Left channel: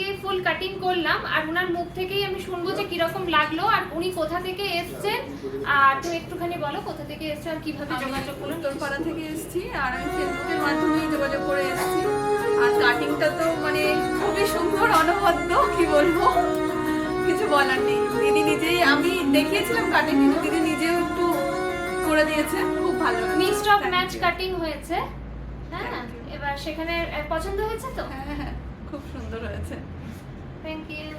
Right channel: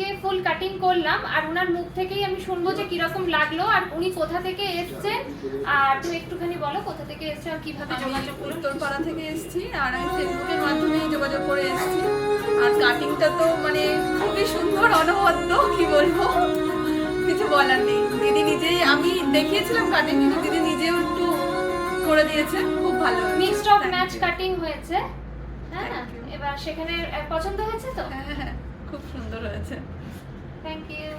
আজকে ফুল কাটিং করলাম, আর ওনার মুখ থেকেই আমি শুনবো যে কিরকম লাগলো আর উনি কোথা থেকে এসেছেন। আর তুমি একটুখানি বলো কোথা থেকে এসেছেন আর কিভাবে যোগাযোগ করুন। উত্তরপাড়া থেকে এসেছি, আর আমি ফেসবুকের মাধ্যমে যোগাযোগ করে এসেছি। আর কাটিংটা তো মানে খুবই সুন্দর, অনবদ্য, কি বলবো, কিছু বলার নেই। দিদি নিজেই, আমি দেখিয়েছিলাম কাটিং, কিন্তু দিদি নিজেও একটু করে দিয়েছে, খুব ভালো। মিক্সড অফ ম্যাচ কাটিং হয়েছে, হ্যাঁ। এবার সেখানে পছন্দ হয়েছে তো? হ্যাঁ, খুব সুন্দর হয়েছে। Thank you.